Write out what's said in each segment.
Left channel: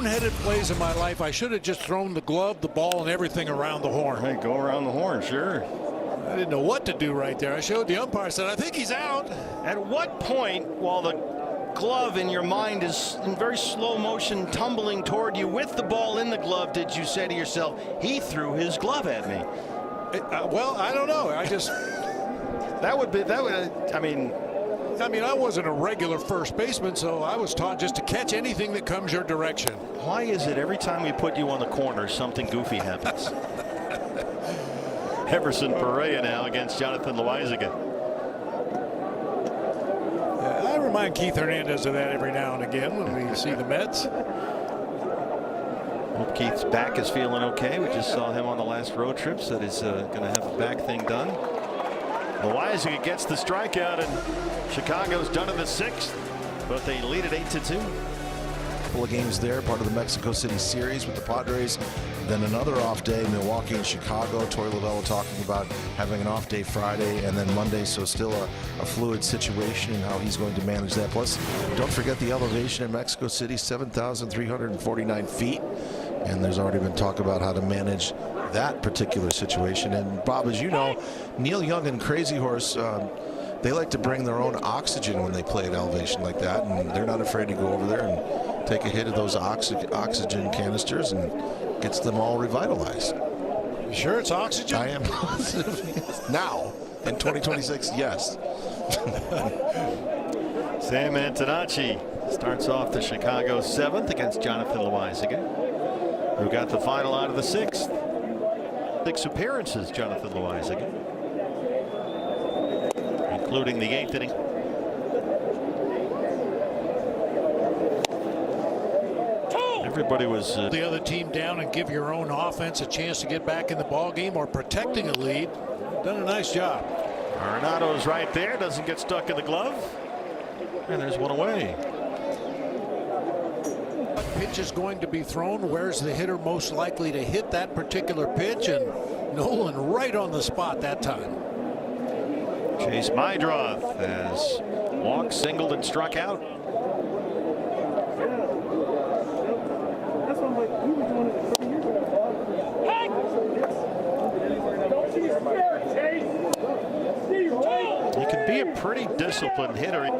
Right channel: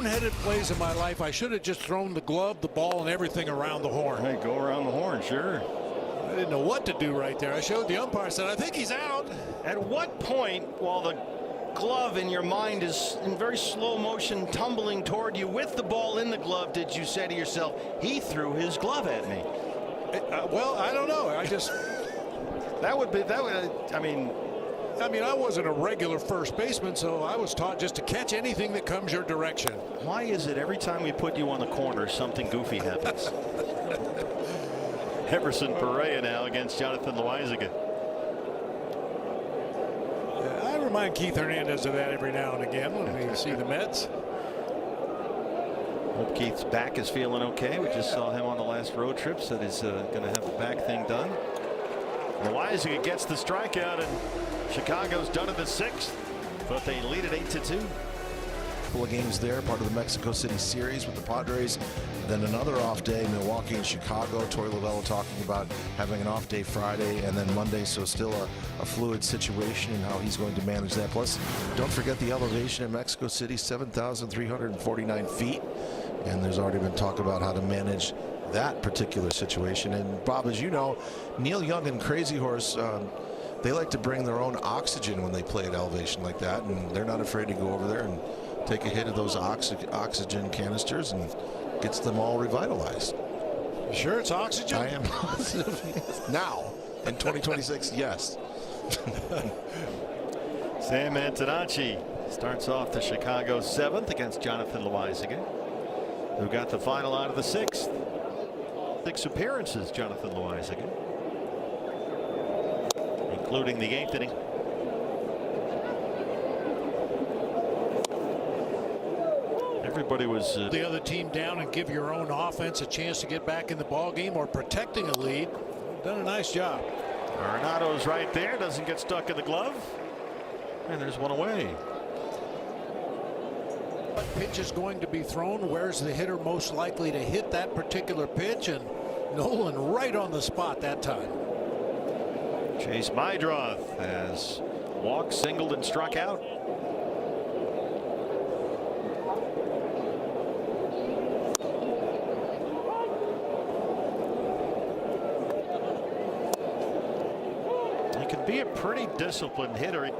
boneheaded plays in my life. I should have just thrown the glove, the ball, and everything around the horn. Hey, go around the horn, sure. I didn't know what to do right there. I showed the umpire, said, I think he's out. At what point, while the glove in your mind is in very slow motion tumbling toward you with the ball in the glove, did you say to yourself, he threw his glove at me? Well, I don't know. I just I wasn't a regular first baseman, so I was taught just to catch anything that comes your direction. Why is it every time we put you on the corner something goofy happens? Everson Perea now against Jonathan Loaisiga. Yeah, I remind Keith Hernandez of that every now and again when we see the Mets. Hope Keith's back is feeling okay. We just saw him on the last road trip, so that he's going to have the back thing done. Loaisiga gets the strikeout, and Chicago's done in the 6th, but they lead at 8-2. Couple of games there, part of the Mexico City series with the Padres. Then another off day, Milwaukee and Chicago. Torey Lovullo talking about having an off day Friday and then Monday, so still a fluid situation and how he's going to manage that. Plus, don't forget the elevation in Mexico City, 7,349 feet. And there's already been talk about how to manage that particular situation. And Bob, as you know, Neil Young and Crazy Horse, they like to bring their own oxygen when they play at elevation like that, and they're not afraid to go over there and take a hit of those oxygen canisters, and gets them all revitalized. You sure it's oxygen? I am positive. Now, in 2026, yes. Sam Antonacci starts off the Chicago 7th against Jonathan Loaisiga, who got the final out of the 6th. 6 appearances, Jonathan Loaisiga, including the 8th inning. Everybody was the other team down and give your own offense a chance to get back in the ball game or protecting a lead. Done a nice job. Arenado's right there, doesn't get stuck in the glove, and there's one away. What pitch is going to be thrown? Where's the hitter most likely to hit that particular pitch? And Nolan right on the spot that time. Chase Mydroth has walked, singled, and struck out. He can be a pretty disciplined hitter.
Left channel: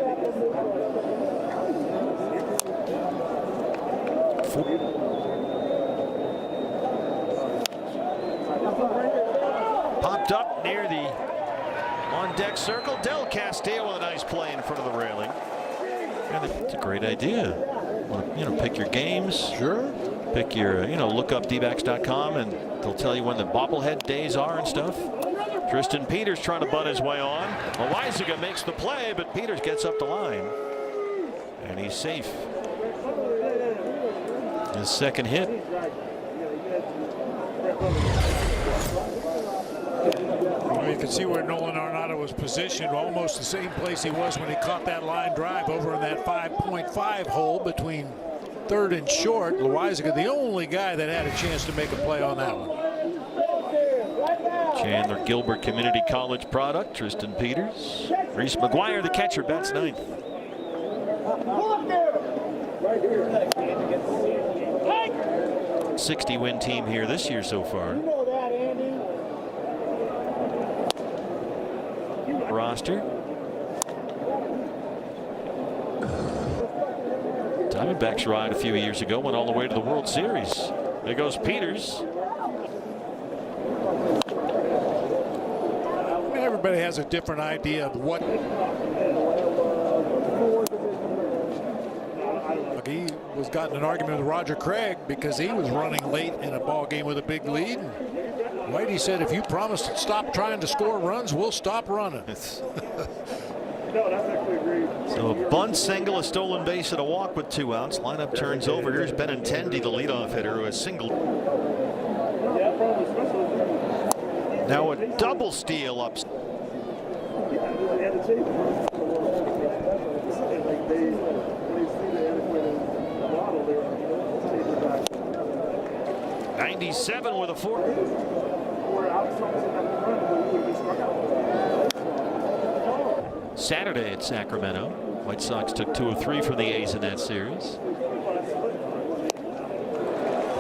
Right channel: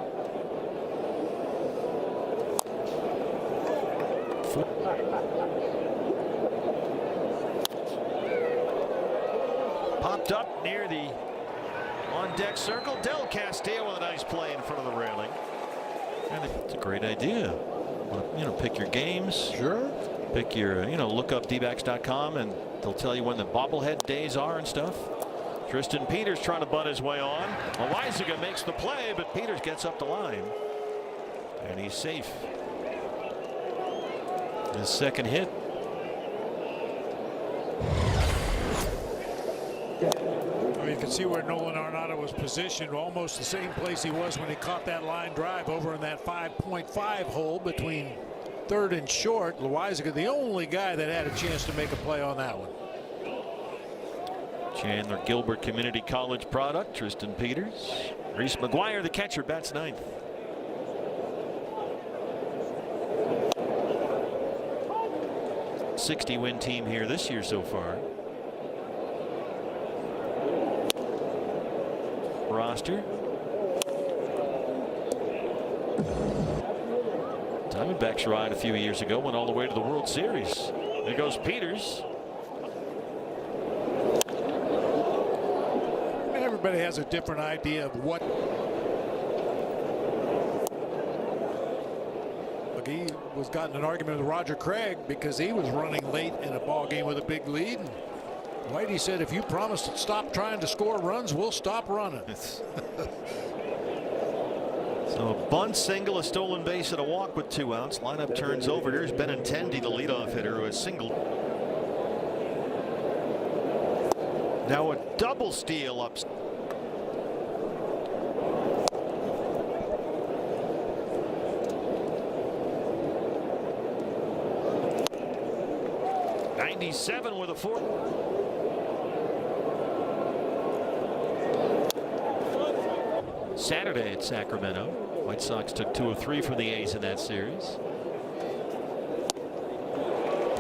Popped up near the on-deck circle. Del Castillo with a nice play in front of the railing. And it's a great idea. Want to, pick your games. Sure. Pick your, look up dbacks.com and they'll tell you when the bobblehead days are and stuff. Tristan Peters trying to butt his way on. Loaisiga makes the play, but Peters gets up the line. And he's safe. His second hit. You can see where Nolan Arenado was positioned, almost the same place he was when he caught that line drive over in that 5.5 hole between third and short. Loaisiga, the only guy that had a chance to make a play on that one. Chandler Gilbert Community College product, Tristan Peters. Reese McGuire, the catcher, bats 9th. '60-win team here this year so far. Roster. Diamondbacks ride a few years ago went all the way to the World Series. There goes Peters. Everybody has a different idea of what. He was got in an argument with Roger Craig because he was running late in a ball game with a big lead. And Whitey said, if you promise to stop trying to score runs, we'll stop running. So a bunt, single, a stolen base, and a walk with 2 outs. Lineup turns over. Here's Benintendi, the leadoff hitter, who has singled. Now a double steal up. '97 with a 4. Saturday at Sacramento. White Sox took 2 of 3 from the A's in that series.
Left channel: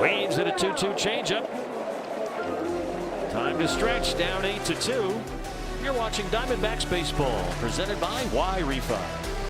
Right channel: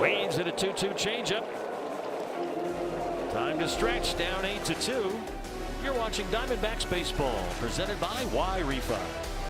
Leads at a 2-2 changeup. Time to stretch, down 8-2. You're watching Diamondbacks baseball, presented by whithe.